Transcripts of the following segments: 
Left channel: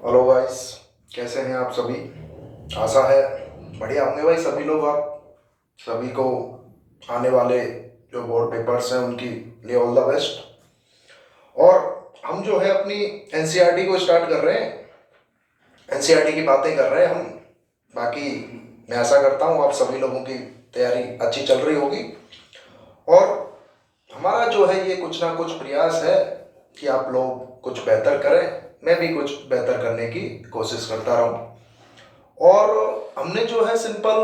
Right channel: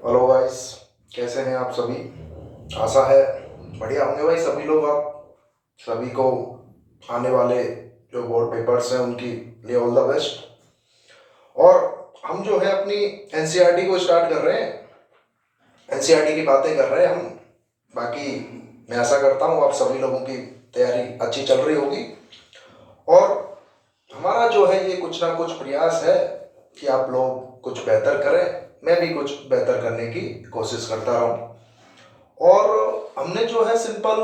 Hello guys, कैसे हैं आप सभी। आशा है बढ़िया होंगे भाई सभी लोग। आप सभी को आने वाले जो बोर्ड पेपर्स हैं उनकी लिए ऑल द बेस्ट। और हम जो है अपनी एनसीईआरटी को स्टार्ट कर रहे हैं, एनसीईआरटी की बातें कर रहे हैं हम। बाकी मैं आशा करता हूँ आप सभी लोगों की तैयारी अच्छी चल रही होगी। और हमारा जो है ये कुछ ना कुछ प्रयास है कि आप लोग कुछ बेहतर करें, मैं भी कुछ बेहतर करने की कोशिश करता रहूं। और हमने जो है सिंपल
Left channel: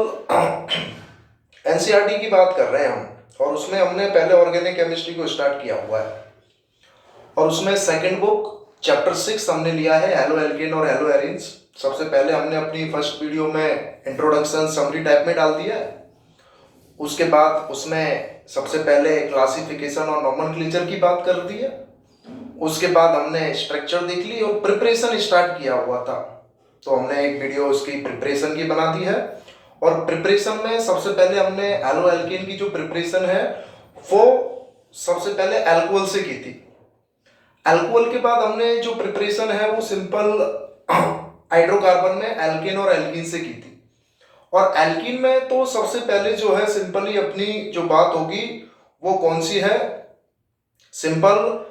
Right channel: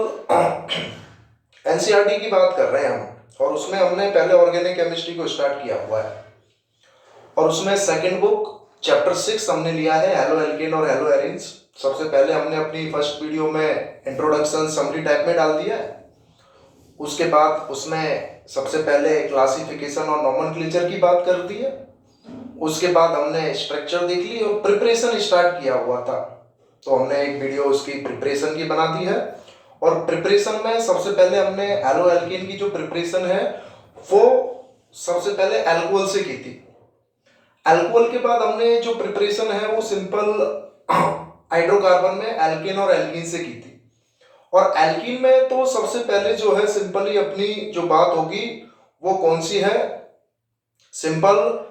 एनसीईआरटी की बात कर रहे हैं हम, और उसमें हमने पहले ऑर्गेनिक केमिस्ट्री को स्टार्ट किया हुआ है। और उसमें सेकंड बुक चैप्टर 6 हमने लिया है, हेलो एल्केन और हेलो एरिन्स। सबसे पहले हमने अपनी फर्स्ट वीडियो में इंट्रोडक्शन समरी टाइप में डाल दिया है। उसके बाद उसमें सबसे पहले क्लासिफिकेशन और नोमेनक्लेचर की बात कर दी है। उसके बाद हमने स्ट्रक्चर देख ली और प्रिपरेशन स्टार्ट किया हुआ था, तो हमने एक वीडियो उसकी प्रिपरेशन की बना दी है। और प्रिपरेशन में सबसे पहले हमने एलो एल्केन की जो प्रिपरेशन है वो सबसे पहले अल्कोहल से की थी। अल्कोहल के बाद हमने जो प्रिपरेशन है वो सिंपल हाइड्रोकार्बन में एल्केन और एल्कीन से की थी। और एल्कीन में तो सबसे पहले जो है सिंपली अपनी जो बात होगी वो कौन सी है, सिंपल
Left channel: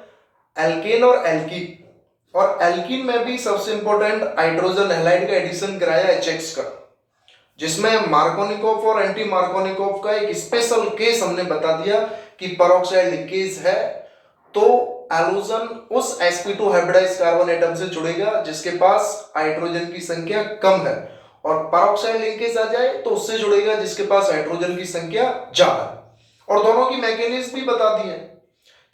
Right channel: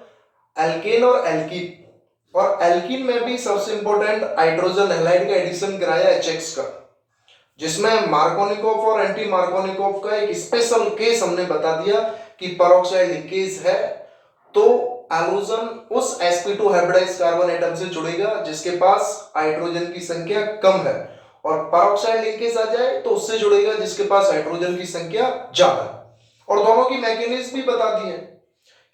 एल्केन और एल्कीन। और एल्कीन में भी सबसे इंपॉर्टेंट हाइड्रोजन हैलाइड का एडिशन कराया एचएक्स का, जिसमें मार्कोनिकोव और एंटी मार्कोनिकोव का एक स्पेशल केस हमने बता दिया कि पेरोक्साइड लिंकेज है तो एलोजन उस sp2 हाइब्रिडाइज्ड कार्बन एटम से जुड़ेगा जिसके पास हाइड्रोजन की संख्या कम है, और पेरोक्साइड लिंकेज आ जाए तो उससे जुड़ेगा जिसके पास हाइड्रोजन की संख्या ज्यादा है। और दोनों की मैकेनिज्म भी बता दी है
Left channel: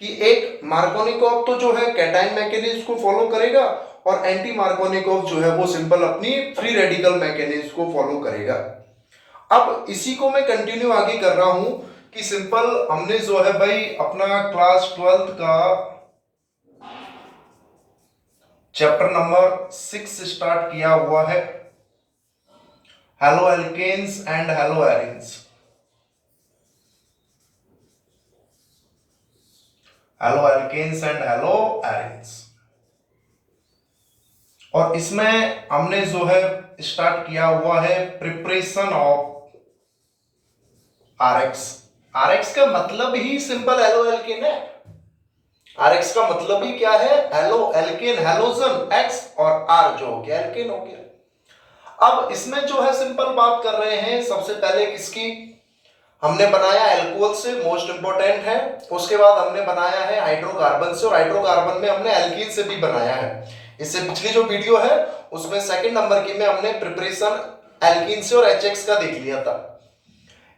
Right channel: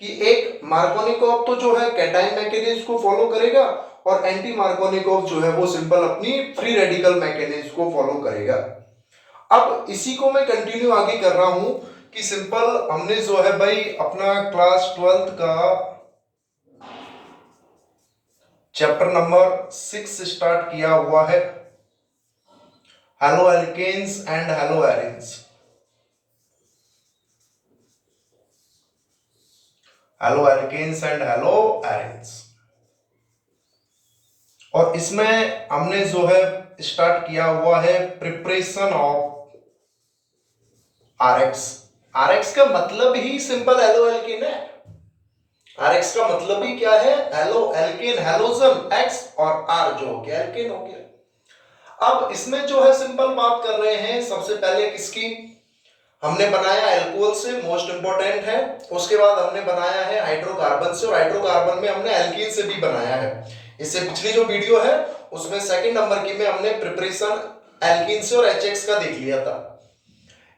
कि एक मार्कोनिकोव तो जो है कैटाइन मैकेनिज्म को फॉलो करेगा, और एंटी मार्कोनिकोव जो है वो सिंपल अपनी फ्री रेडिकल मैकेनिज्म को फॉलो करेगा। अब इसी को मैं कंटिन्यू आगे कर रहा हूं कि सिंपल हमने जो है भाई अपना क्लास 12th का चैप्टर नंबर 6 स्टार्ट किया हुआ है, haloalkanes and haloarenes. Haloalkanes and haloarenes. और इसमें हमने जो है स्टार्ट किया हुआ है प्रिपरेशन ऑफ आरएक्स। आरएक्स का मतलब ही सिंपल हेलो एल्केन है। आरएक्स का मतलब ही क्या है, हेलो एल्केन, हेलोजन एक्स और आर जो हो गया एल्केन हो गया। अब इसमें जो है सिंपल बात कर रहे हैं सबसे पहले किसकी, हमने बनाया एल्कोहल से, मोस्ट इंपोर्टेंट है। उसके बाद हमने बनाया है हाइड्रोकार्बन से, और हाइड्रोकार्बन में हमने एल्कीन से भी बनाया है। इससे पिछली जो वीडियो है उसमें सेकंड नंबर की में हमने प्रिपरेशन एल्कीन से और एचएक्स का देख लिया था।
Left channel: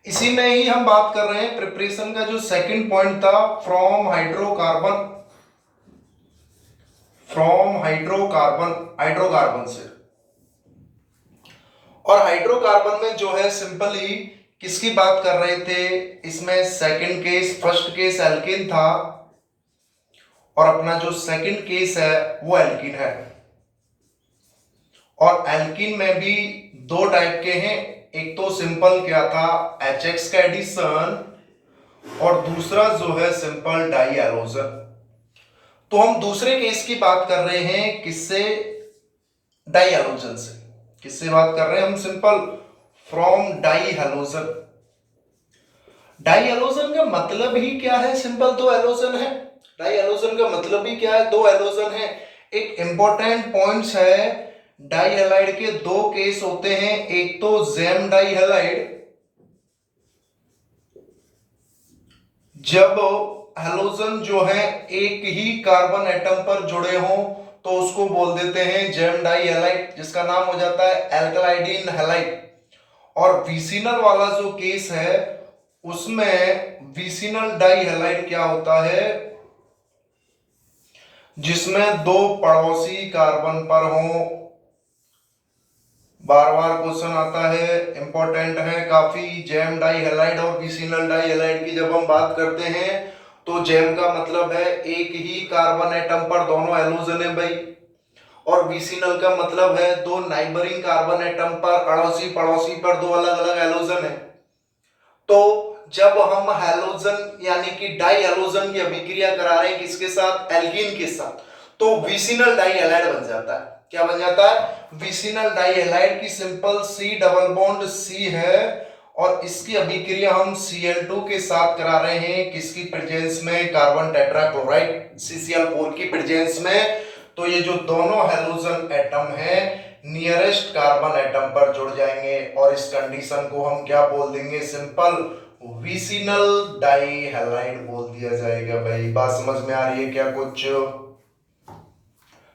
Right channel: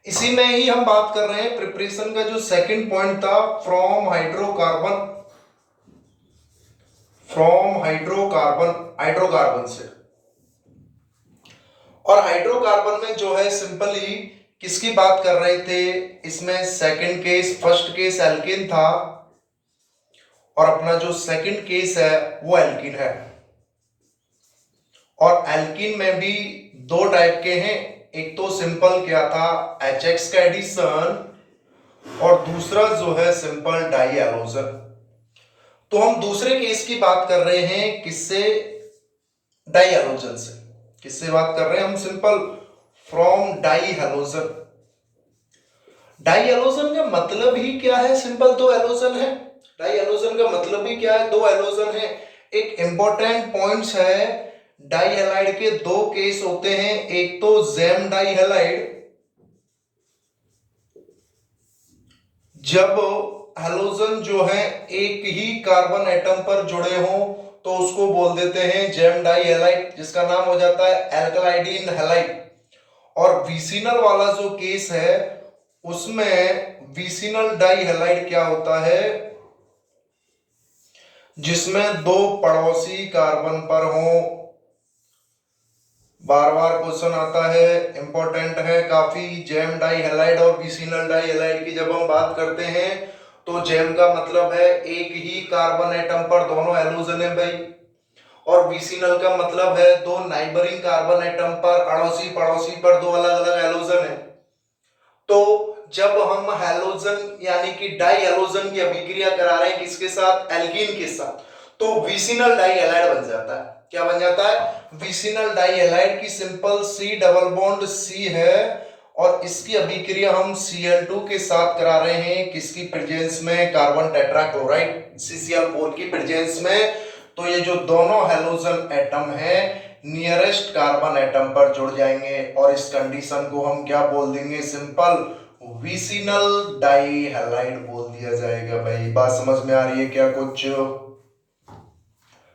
इसी में ही हम बात कर रहे हैं प्रिपरेशन का जो सेकंड पॉइंट था, from hydrocarbon, from hydrocarbon, hydrocarbon से। और हाइड्रोकार्बन में जो है सिंपली किसकी बात कर रहे थे, इसमें second case, first case alkane था और अपना जो सेकंड केस है वो एल्कीन है। और एल्कीन में भी दो टाइप के हैं, एक तो सिंपल क्या था एचएक्स का एडिशन, और दूसरा जो है सिंपल डाई एलोजन। तो हम दूसरे केस की बात कर रहे हैं, किससे, डाई एलोजन से। किससे बात कर रहे हैं हम, simple from di halogen. Di halogen का मतलब ही क्या है, सिंपल दो एलोजन है। डाई एलोजन का मतलब ही क्या है, दो एलोजन है। एक इंपॉर्टेंट पॉइंट्स है, डाई हैलाइड के दो केस होते हैं, एक तो जेम डाई हैलाइड, जब हेलोजन जो है एक ही कार्बन एटम पर जुड़े हों तो उसको बोल देते हैं जेम डाई हैलाइड, जिसका नाम हो जाता है एल्कलाइडिन हैलाइड। और विसिनल वाला जो केस है उसमें विसिनल डाई हैलाइड क्या होता है, जिसमें दो पड़ोसी कार्बन पर हो। बार बार क्वेश्चन आता है, इंपॉर्टेंट है काफी। जेम डाई हैलाइड और विसिनल डाई हैलाइड की जब हम बात करते हैं तो जेम का मतलब है एक ही कार्बन एटम पर दोनों एलोजन है भाई, और विसिनल का मतलब है दो नाइबरिंग कार्बन एटम पर, अड़ोसी पड़ोसी पर दो अलग अलग एलोजन है। तो जब हम हैलोजन यानी कि डाई हैलोजन की अभिक्रिया करा रहे हैं किसके साथ, एल्कीन के साथ, तो विसिनल डाई हैलाइड बन जाता है। क्या बन जाता है, विसिनल डाइहैलाइड की simple C double bond C है और इसकी अभिक्रिया हम Cl2 के साथ करा रहे हैं किसकी प्रेजेंस में, कार्बन टेट्राक्लोराइड CCl4 की प्रेजेंस में। तो ये जो दोनों हैलोजन एटम है नियरेस्ट कार्बन एटम पर जुड़ जाएंगे और इस कंडीशन को हम क्या बोल देंगे, सिंपल विसिनल डाइहैलाइड बोल दिया जाएगा। भाई बात समझ में आ रही है क्या, कुछ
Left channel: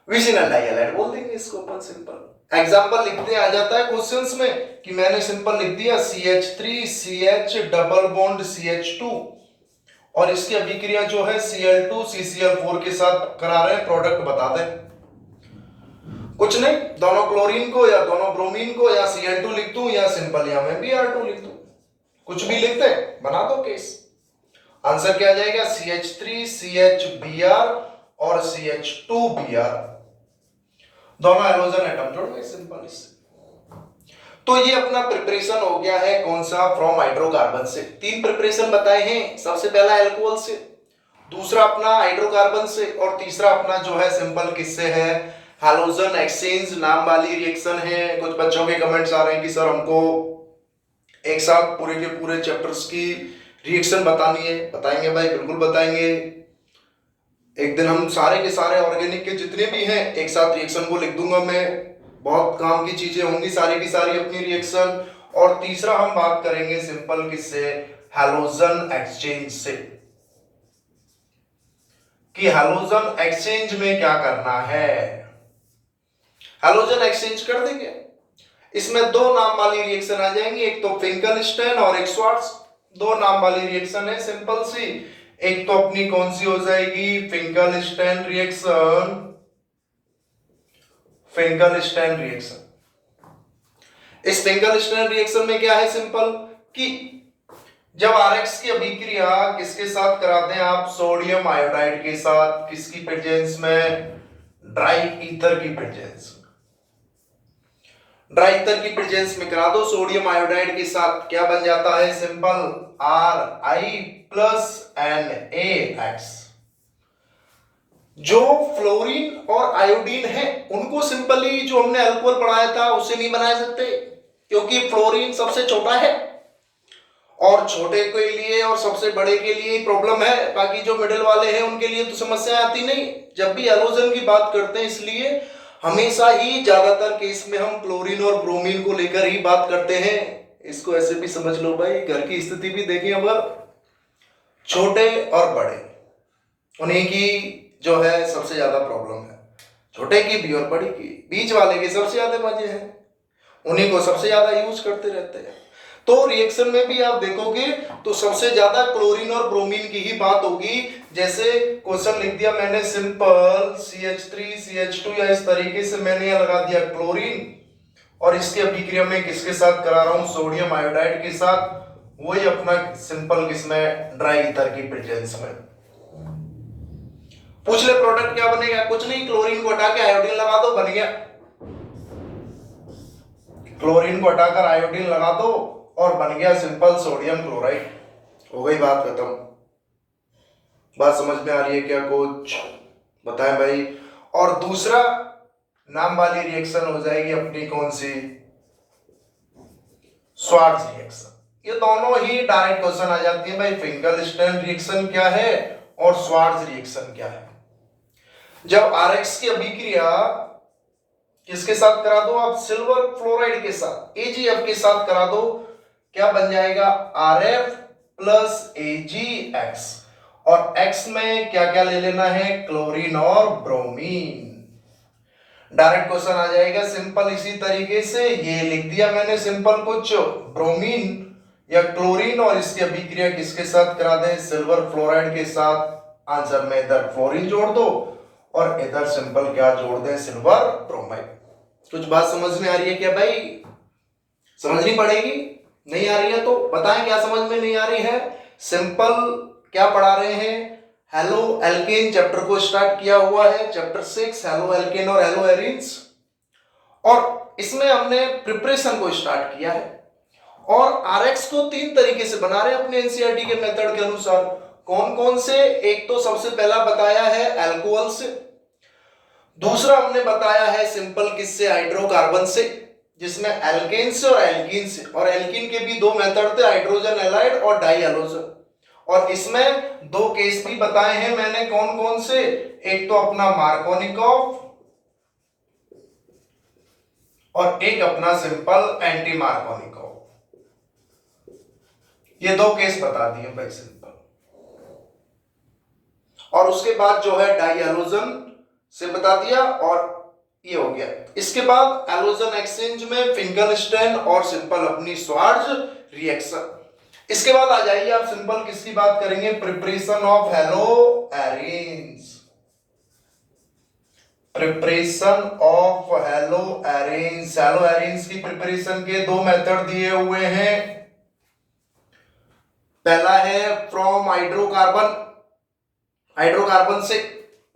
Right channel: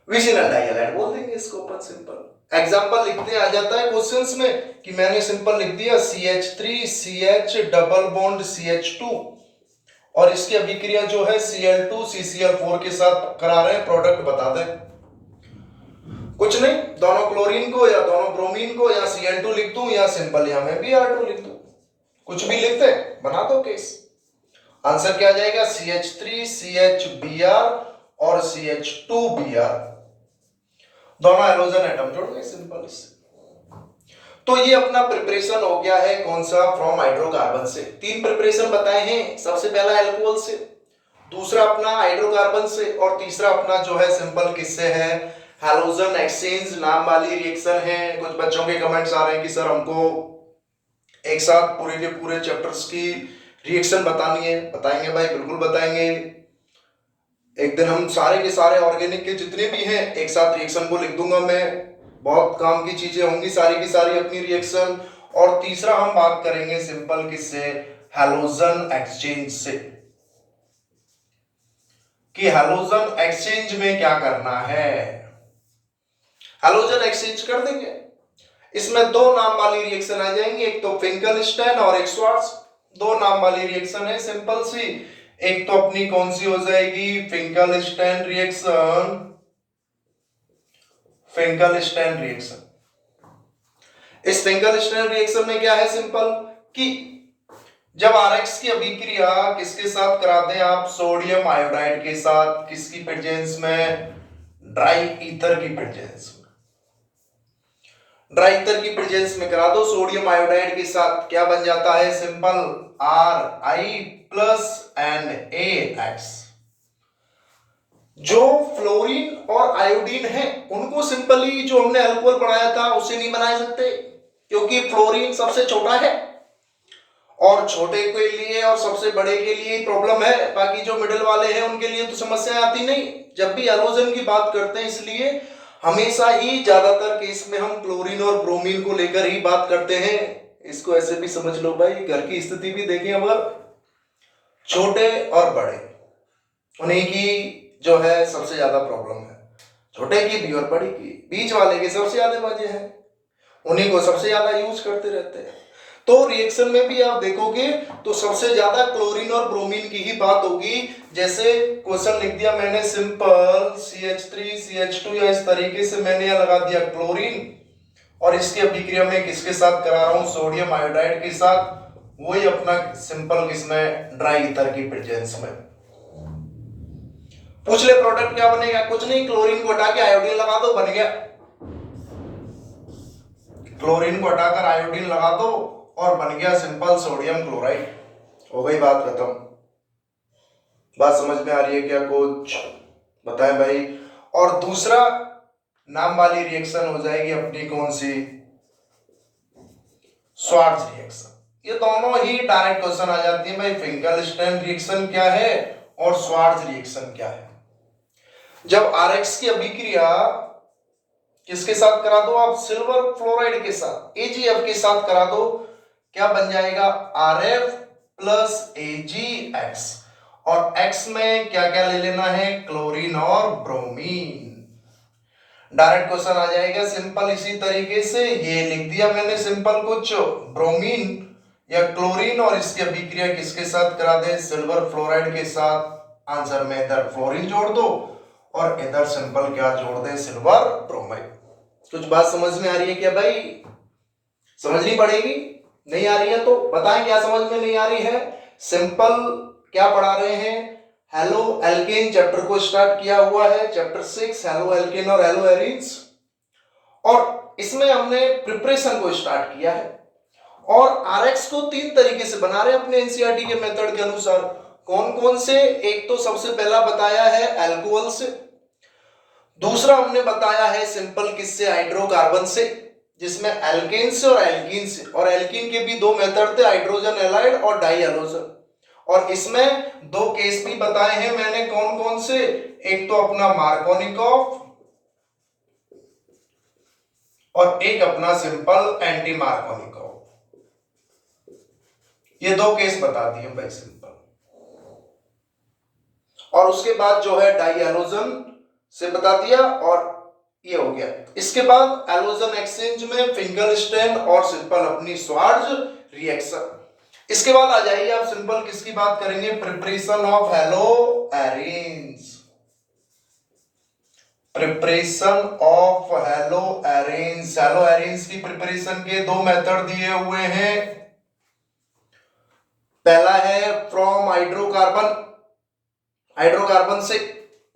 विसिनल डाइहैलाइड बोल देंगे इसको अपन सिंपल। एग्जांपल लिखते आ जाता है क्वेश्चंस में कि मैंने सिंपल लिख दिया CH3 CH double bond CH2 और इसकी अभिक्रिया जो है Cl2 CCl4 के साथ करा रहे हैं, प्रोडक्ट बता दें। कुछ नहीं, दोनों क्लोरीन को या दोनों ब्रोमीन को या Cl2 लिख दूं या सिंपल या मैं Br2 लिख दूं, कुछ भी लिखते बना दो केस। आंसर क्या आ जाएगा, CH3 CHBr और CH2Br, दोनों हाइड्रोजन एटम जुड़ गए सिंपल इससे। तो ये अपना प्रिपरेशन हो गया है कौन सा, फ्रॉम हाइड्रोकार्बन से। तीन प्रिपरेशन बताए हैं, सबसे पहला अल्कोहल से, दूसरा अपना हाइड्रोकार्बन से और तीसरा अपना जो है सिंपल किससे है, हैलोजन एक्सचेंज नाम वाली रिएक्शन है। कुछ बच्चों के कमेंट्स आ रहे हैं कि सर हमको एक साथ पूरे के पूरे चैप्टर्स की रिएक्शन बतानी है। बताएंगे भाई, बिल्कुल बताएंगे। एक दिन हम सारे के सारे ऑर्गेनिक के जितने भी हैं एक साथ रिएक्शन को लिख दूंगा मैं, बहुत काम की चीजें होंगी सारी की सारी अपनी रिएक्शन। और तीसरा हम बात करेंगे सिंपल किससे, हैलोजन एक्सचेंज से, कि हैलोजन एक्सचेंज में क्या करना है। हैलोजन एक्सचेंज कर देंगे, इसमें दो नाम वाली रिएक्शन आ जाएंगी, एक तो फिंकलस्टाइन और एक श्वार्ट्ज। दो नाम वाली रिएक्शन है सिंपल सी, एक तो अपनी कौन सी हो जाएगी, फिंकलस्टाइन रिएक्शन, फिंकलस्टाइन रिएक्शन। इस फिंकलस्टाइन रिएक्शन में क्या है सिंपल कि जब RX की अभिक्रिया किसके साथ कराते हैं आप, सोडियम आयोडाइड के साथ, किसकी प्रेजेंस में, ड्राई ईथर की प्रेजेंस में, ड्राई ईथर की प्रेजेंस में करा दो सोडियम आयोडाइड के साथ, क्या बन जाता है सिंपल Ri प्लस NaX। जो फ्लोरीन और आयोडीन है उनको सिंपली जो हमने अल्कोहल बनाया था उससे नहीं बना सकते, क्योंकि फ्लोरीन सबसे छोटा है और छोटे के लिए और सबसे बड़े के लिए प्रॉब्लम है, बाकी जो मिडिल वाले हैं उनके लिए तो समस्या आती नहीं जब भी हैलोजन की बात करते हैं। इसलिए हमेशा ही ज्यादातर केस में हम क्लोरीन और ब्रोमीन को लेकर ही बात करते हैं। इसको ऐसे भी समझ लो भाई, घर की स्थिति भी देखें, अगर छोटे और बड़े उन्हीं की जो है सबसे ज्यादा प्रॉब्लम है, छोटे की भी और बड़ी की, बीच वाले के सबसे ज्यादा मजे हैं, उन्हीं को सबसे ज्यादा यूज करते रहते हैं। तो रिएक्शन में भी आप देखोगे तो सबसे ज्यादा क्लोरीन और ब्रोमीन की ही बात होगी। जैसे क्वेश्चन लिख दिया मैंने सिंपल CH3 CH2 या इस तरीके से मैंने यह लगा दिया क्लोरीन और इसके अभिक्रिया में किसके साथ करा रहा हूं, सोडियम आयोडाइड के साथ, वही अपना सिंपल किसमें, ड्राई ईथर की प्रेजेंस में। पूछ ले प्रोडक्ट क्या बनेगा, कुछ नहीं, क्लोरीन को हटा के आयोडीन लगा दो, बन गया। क्लोरीन को हटाकर आयोडीन लगा दो और बन गया सिंपल सोडियम क्लोराइड, हो गई बात खत्म। बात समझ में आ रही है क्या, कुछ बताएं भाई। और दूसरा नाम वाली रिएक्शन हो जाएगी अपनी कौन सी, श्वार्ट्ज रिएक्शन। ये दोनों ही डायरेक्ट क्वेश्चन आ जाती है भाई, फिंकलस्टाइन रिएक्शन क्या है और श्वार्ट्ज रिएक्शन क्या है। जब RX की अभिक्रिया किसके साथ करा दो आप, सिल्वर फ्लोराइड के साथ, AgF के साथ करा दो, क्या बन जाएगा, Rf प्लस AgX, और X में क्या क्या ले लेना है, क्लोरीन और ब्रोमीन। डायरेक्ट क्वेश्चन आ जाएगा सिंपल इसी तरीके से, ये लिख दिया मैंने सिंपल कुछ ब्रोमीन या क्लोरीन और इसकी अभिक्रिया किसके साथ करा दे, सिल्वर फ्लोराइड के साथ। आंसर में इधर फ्लोरीन जोड़ दो और इधर सिंपल क्या जोड़ दे, सिल्वर ब्रोमाइड। कुछ बात समझ में आ रही है क्या भाई, समझनी पड़ेगी, नहीं आ रही है तो बताएं क्या समझ में नहीं आ रही है। सिंपल क्या पढ़ा रहे हैं, हेलो एल्केन चैप्टर को स्टार्ट किया हुआ है, चैप्टर 6 हेलो एल्केन और हेलो एरीन्स, और इसमें हमने प्रिपरेशन को स्टार्ट किया है और RX को तीन तरीके से बना रहे हैं अपने NCERT के मेथड के अनुसार। कौन कौन से, एक तो सबसे पहला बताया है अल्कोहल से, दूसरा हमने बताया है सिंपल किससे, हाइड्रोकार्बन से, जिसमें एल्केन से और एल्कीन से, और एल्कीन के भी दो मेथड थे, हाइड्रोजन एलाइड और डाई हैलोजन। और इसमें दो केस भी बताए हैं मैंने, कौन कौन से, एक तो अपना मार्कोनिकॉफ और एक अपना सिंपल एंटी मार्कोनिकॉफ। ये दो केस बता दिए भाई सिंपल। और उसके बाद जो है डाई हैलोजन से बता दिया, और ये हो गया। इसके बाद हैलोजन एक्सचेंज में फिंगलस्टेन और सिंपल अपनी स्वार्ज रिएक्शन। इसके बाद आ जाइए आप सिंपल किसकी बात करेंगे, preparation of hello arenes. Preparation of hello arenes. Hello arenes की प्रिपरेशन के दो मेथड दिए हुए हैं। पहला है फ्रॉम हाइड्रोकार्बन, हाइड्रोकार्बन से,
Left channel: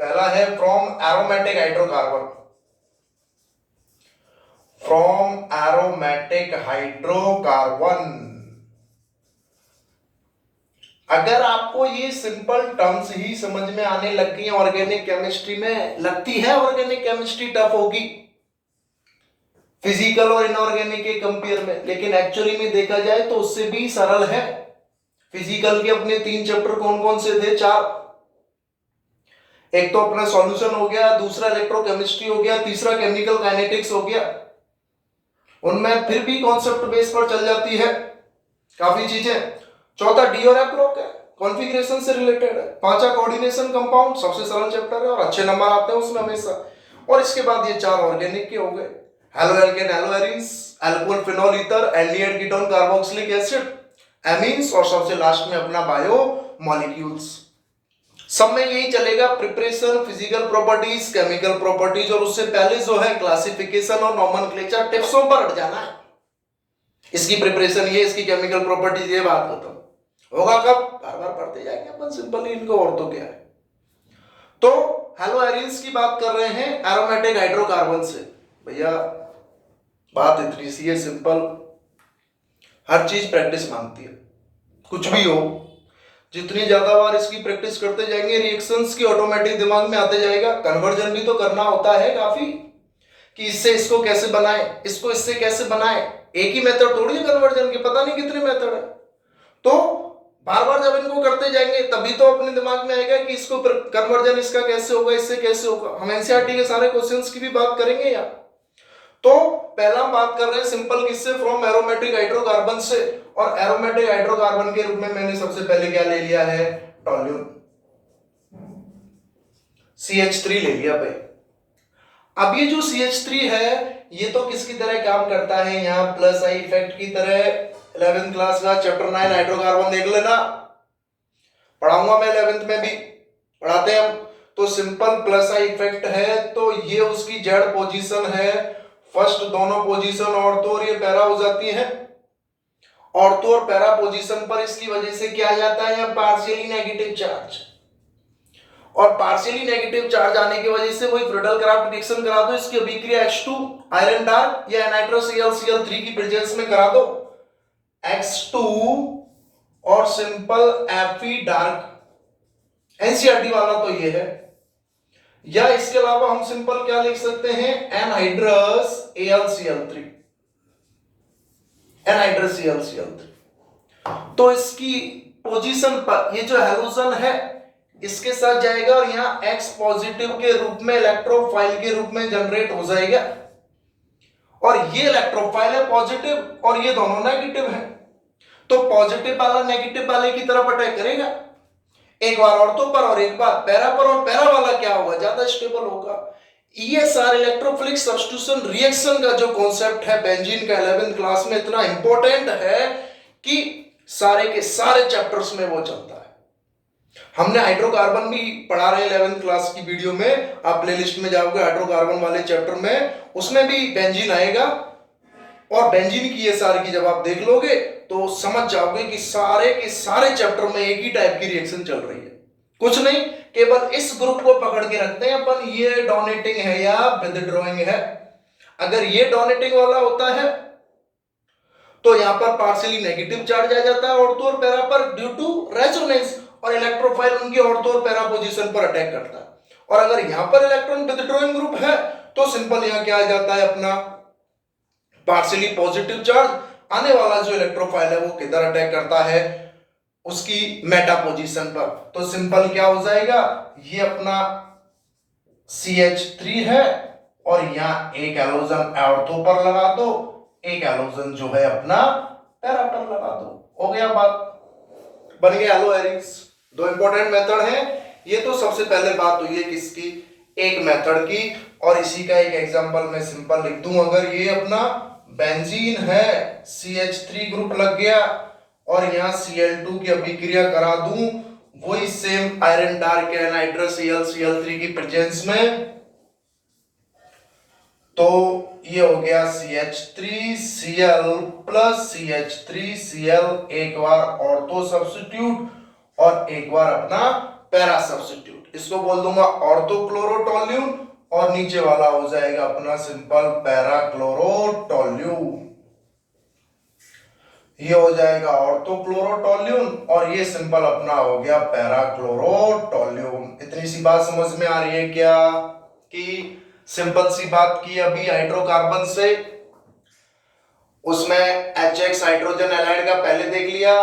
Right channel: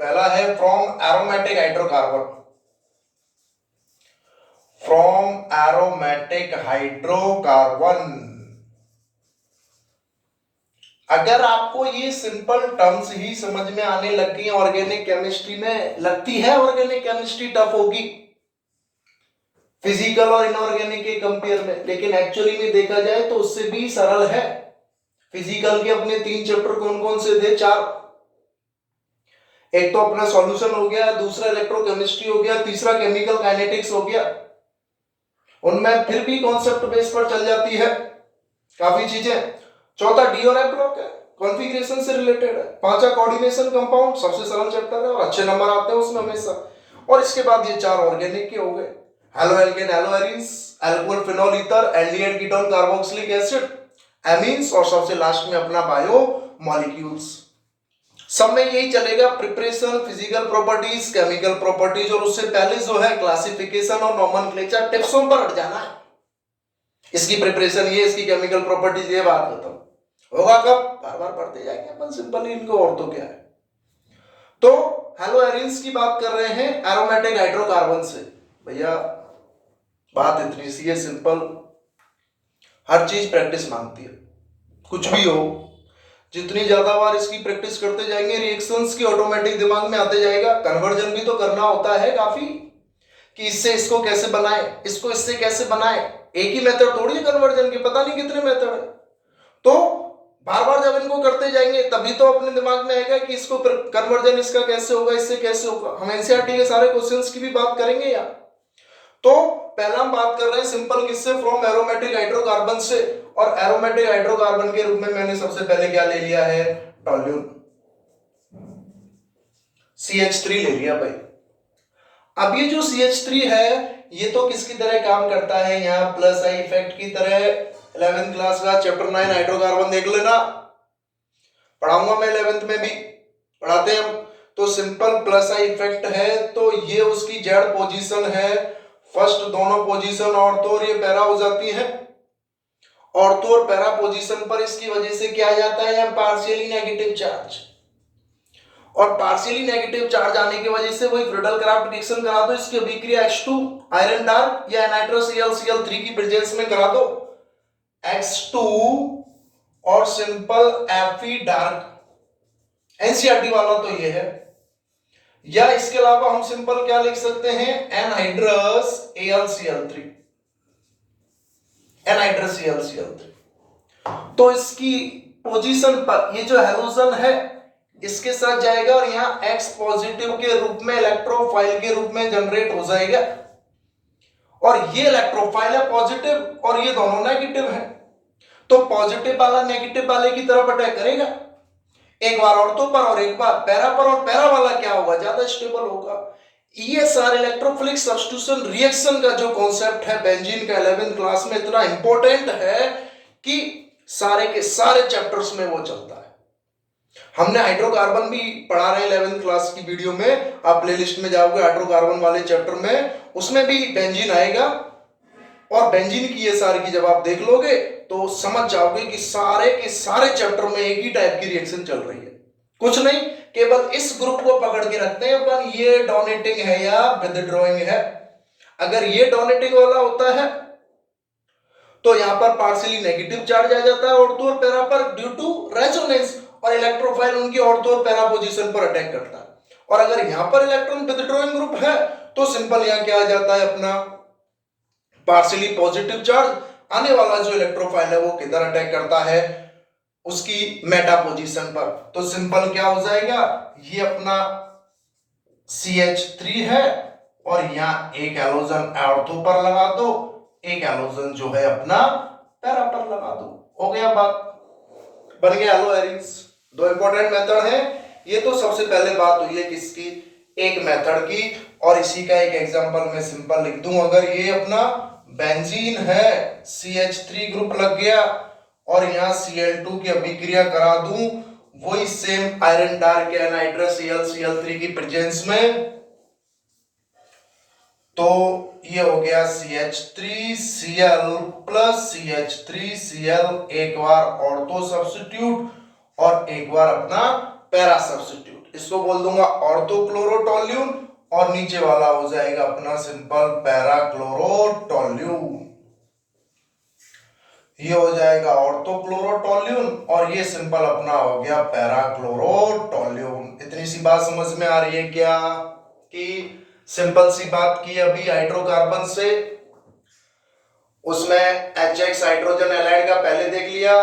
पहला है from aromatic hydrocarbon, from aromatic hydrocarbon. अगर आपको ये सिंपल टर्म्स ही समझ में आने लग गई ऑर्गेनिक केमिस्ट्री में, लगती है ऑर्गेनिक केमिस्ट्री टफ होगी फिजिकल और इनऑर्गेनिक के कंपेयर में, लेकिन एक्चुअली में देखा जाए तो उससे भी सरल है। फिजिकल के अपने 3 चैप्टर कौन कौन से थे, 4। एक तो अपना सॉल्यूशन हो गया, दूसरा इलेक्ट्रोकेमिस्ट्री हो गया, तीसरा केमिकल काइनेटिक्स हो गया। उनमें फिर भी कॉन्सेप्ट बेस पर चल जाती है काफी चीजें। चौथा डी और एफ ब्लॉक है, कॉन्फ़िगरेशन से रिलेटेड है। पांचवा कोऑर्डिनेशन कंपाउंड, सबसे सरल चैप्टर है और अच्छे नंबर आते हैं उसमें हमेशा। और इसके बाद ये 4 ऑर्गेनिक के हो गए, halo alkane, hello arenes, alcohol, phenol, ether, aldehyde, ketone, carboxylic acid, amines, और सबसे लास्ट में अपना बायो मॉलिक्यूल्स। सब में यही चलेगा, preparation, physical properties, chemical properties, और उससे पहले जो है क्लासिफिकेशन और नोमेनक्लेचर, टिप्सों पर हट जाना है। इसकी प्रिपरेशन ये, इसकी केमिकल प्रॉपर्टीज ये, बात खत्म। होगा कब, बार बार पढ़ते जाएंगे अपन सिंपल इनको, और तो क्या है। तो हेलो एरीन्स की बात कर रहे हैं एरोमेटिक हाइड्रोकार्बन से। भैया बात इतनी सी है सिंपल, हर चीज प्रैक्टिस मांगती है, कुछ भी हो। जितनी ज्यादा बार इसकी प्रैक्टिस करते जाएंगे, रिएक्शंस की ऑटोमेटिक दिमाग में आते जाएगा। कन्वर्जन भी तो करना होता है काफी, कि इससे इसको कैसे बनाए, इसको इससे कैसे बनाए। एक ही मेथड थोड़ी है कन्वर्जन की, पता नहीं कितने मेथड है। तो बार बार जब इनको करते जाएंगे तभी तो अपने दिमाग में आएगा कि इसको कन्वर्जन इसका कैसे होगा, इससे कैसे होगा। हम एनसीईआरटी के सारे क्वेश्चंस की भी बात करेंगे यार। तो पहला हम बात कर रहे हैं सिंपल किससे, फ्रॉम एरोमेटिक हाइड्रोकार्बन से। और एरोमेटिक हाइड्रोकार्बन के रूप में मैंने सबसे पहले क्या ले लिया है, टोल्यून, CH3 ले लिया भाई। अब ये जो CH3 है ये तो किसकी तरह काम करता है, यहाँ प्लस आई इफेक्ट की तरह। 11th क्लास का चैप्टर 9 हाइड्रोकार्बन देख लेना, पढ़ाऊंगा मैं 11th में भी, पढ़ाते हैं हम। तो सिंपल प्लस आई इफेक्ट है, तो ये उसकी जेड पोजीशन है, फर्स्ट दोनों पोजीशन ऑर्थो और ये पैरा हो जाती है। ऑर्थो और पैरा पोजीशन पर इसकी वजह से क्या आ जाता है, यहाँ पार्शियली नेगेटिव चार्ज, और पार्शियली नेगेटिव चार्ज आने की वजह से वही फ्रीडल क्राफ्ट रिएक्शन करा दो। इसकी अभिक्रिया H2 आयरन डार्क या नाइट्रस Cl3 की प्रेजेंस में करा दो, X2 और सिंपल Fe डार्क। एनसीईआरटी वाला तो ये है। या इसके अलावा हम सिंपल क्या लिख सकते हैं, एनहाइड्रस AlCl3, एनहाइड्रस AlCl3। तो इसकी पोजीशन पर ये जो हैलोजन है इसके साथ जाएगा और यहाँ X पॉजिटिव के रूप में, इलेक्ट्रोफाइल के रूप में जनरेट हो जाएगा। और ये इलेक्ट्रोफाइल है पॉजिटिव और ये दोनों नेगेटिव है, तो पॉजिटिव वाला नेगेटिव वाले की तरफ अटैक करेगा, एक बार ऑर्थो पर और एक बार पैरा पर। और पैरा वाला क्या होगा, ज्यादा स्टेबल होगा। ये सारे इलेक्ट्रोफिलिक सब्स्टिट्यूशन रिएक्शन का जो कॉन्सेप्ट है बेंजीन का 11th क्लास में इतना इंपॉर्टेंट है कि सारे के सारे चैप्टर्स में वो चलता है। हमने हाइड्रोकार्बन भी पढ़ा रहे हैं 11th क्लास की वीडियो में, आप प्लेलिस्ट में जाओगे हाइड्रोकार्बन वाले चैप्टर में, उसमें भी बेंजीन आएगा। और बेंजीन की ये सारी की जब आप देख लोगे तो समझ जाओगे कि सारे के सारे चैप्टर में एक ही टाइप की रिएक्शन चल रही है। कुछ नहीं, केवल इस ग्रुप को पकड़ के रखते हैं अपन, ये डोनेटिंग है या विथड्रॉइंग है। अगर ये डोनेटिंग वाला होता है तो यहां पर पार्शियली नेगेटिव चार्ज आ जाता है ऑर्थो और पैरा पर ड्यू टू रेजोनेंस, और इलेक्ट्रोफाइल उनकी ऑर्थो और पैरा पोजीशन पर अटैक करता है। और अगर यहां पर इलेक्ट्रॉन विथड्रॉइंग ग्रुप है तो सिंपल यहां क्या आ जाता है अपना पार्शियली पॉजिटिव चार्ज, आने वाला जो इलेक्ट्रोफाइल है वो किधर अटैक करता है, उसकी मेटा पोजीशन पर। तो सिंपल क्या हो जाएगा, ये अपना CH3 है और यहां एक हैलोजन ऑर्थो पर लगा दो, एक हैलोजन जो है अपना पैरा पर लगा दो, हो गया बात, बन गया हेलो एरिस। दो इंपॉर्टेंट मेथड हैं, ये तो सबसे पहले बात हुई है किसकी, एक मेथड की। और इसी का एक एग्जांपल मैं सिंपल लिख दूं, अगर ये अपना बेंजीन है, CH3 ग्रुप लग गया और यहां Cl2 की अभिक्रिया करा दूं, वही सेम आयरन डार्क या नाइट्रस Cl3 की प्रेजेंस में, तो ये हो गया CH3Cl प्लस CH3Cl, एक बार ऑर्थो सब्स्टिट्यूट और एक बार अपना पैरा सब्स्टिट्यूट, इसको बोल दूंगा ऑर्थोक्लोरोटोल्यून और नीचे वाला हो जाएगा अपना सिंपल पैरा क्लोरोटोल्यून। ये हो जाएगा ऑर्थोक्लोरोटोल्यून और ये सिंपल अपना हो गया पैरा क्लोरोटोल्यून। इतनी सी बात समझ में आ रही है क्या, कि सिंपल सी बात की अभी हाइड्रोकार्बन से, उसमें HX हाइड्रोजन एलाइड का पहले देख लिया,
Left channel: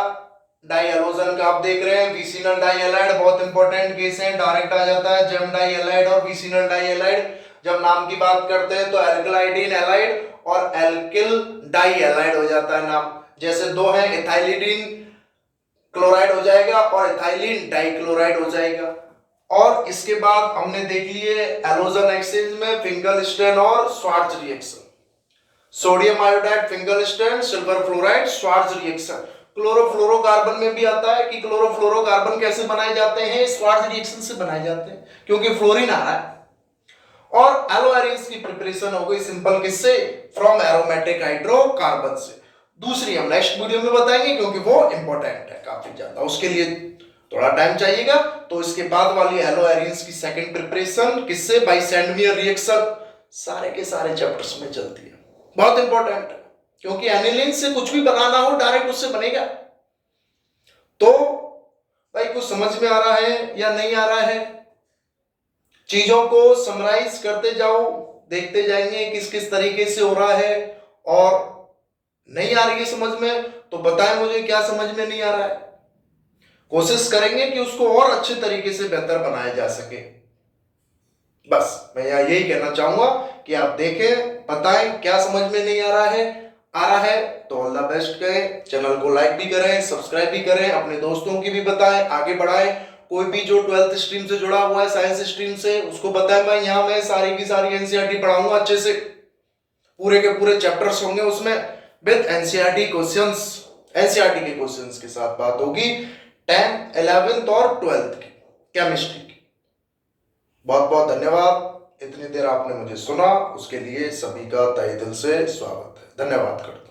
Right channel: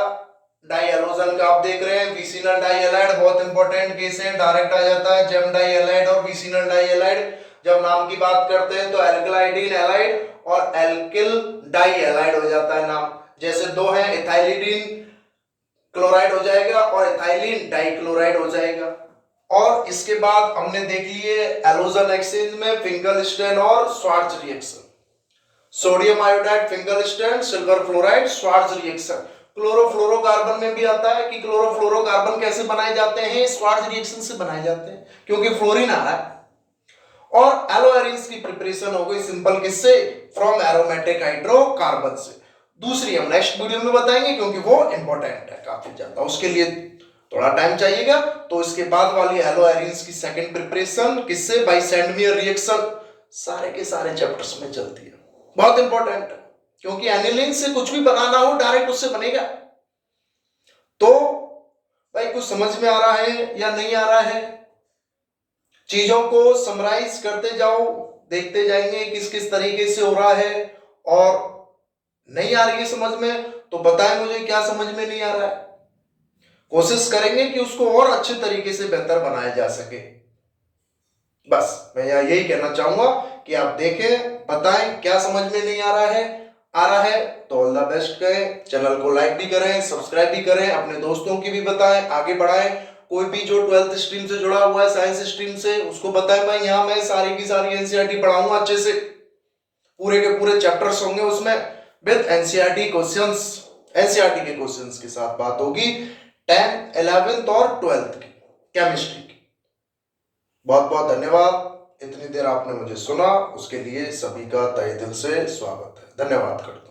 डाई हैलोजन का आप देख रहे हैं, विसिनल डाई हैलाइड बहुत इंपॉर्टेंट केस है, डायरेक्ट आ जाता है जेम डाई हैलाइड और विसिनल डाई हैलाइड। जब नाम की बात करते हैं तो एल्कलाइडीन हैलाइड और एल्किल डाई हैलाइड हो जाता है नाम, जैसे दो हैं इथाइलिडीन क्लोराइड हो जाएगा और इथाइलिन डाइक्लोराइड हो जाएगा। और इसके बाद हमने देख लिए हैलोजन एक्सचेंज में फिंगलस्टेन और Swarts reaction, sodium iodide Finkelstein, silver fluoride Swarts reaction. Chlorofluorocarbon में भी आता है कि क्लोरोफ्लोरोकार्बन कैसे बनाए जाते हैं, श्वार्ट्ज रिएक्शन से बनाए जाते हैं क्योंकि फ्लोरीन आ रहा है। और एलोएरिन्स की प्रिपरेशन हो गई सिंपल किससे, फ्रॉम एरोमेटिक हाइड्रोकार्बन से। दूसरी हम नेक्स्ट वीडियो में बताएंगे क्योंकि वो इंपॉर्टेंट है काफी ज्यादा, उसके लिए थोड़ा टाइम चाहिएगा। तो इसके बाद वाली एलोएरिन्स की सेकंड प्रिपरेशन किससे, बाय सैंडवियर रिएक्शन, सारे के सारे चैप्टर्स में चलती है, बहुत इंपॉर्टेंट है क्योंकि एनिलीन से कुछ भी बनाना हो डायरेक्ट उससे बनेगा। तो भाई कुछ समझ में आ रहा है या नहीं आ रहा है, चीजों को समराइज करते जाओ, देखते जाएंगे किस किस तरीके से हो रहा है, और नहीं आ रही है समझ में तो बताएं मुझे क्या समझ में नहीं आ रहा है, कोशिश करेंगे कि उसको और अच्छे तरीके से बेहतर बनाया जा सके। बस मैं यही कहना चाहूंगा कि आप देखें, बताएं क्या समझ में नहीं आ रहा है तो ऑल द बेस्ट करें, चैनल को लाइक भी करें, सब्सक्राइब भी करें, अपने दोस्तों की भी बताएं, आगे बढ़ाएं। कोई भी जो 12th स्ट्रीम से जुड़ा हुआ है, साइंस स्ट्रीम से, उसको बताएं भाई यहाँ मैं सारी की सारी एनसीईआरटी पढ़ाऊंगा अच्छे से, पूरे के पूरे चैप्टर्स होंगे उसमें विद एनसीईआरटी क्वेश्चंस, एनसीईआरटी के क्वेश्चंस के साथ बात होगी 10th 11th और 12th की केमिस्ट्री की। बहुत बहुत धन्यवाद, इतनी देर आपने मुझे सुना उसके लिए सभी का तहे दिल से स्वागत है, धन्यवाद करता हूं।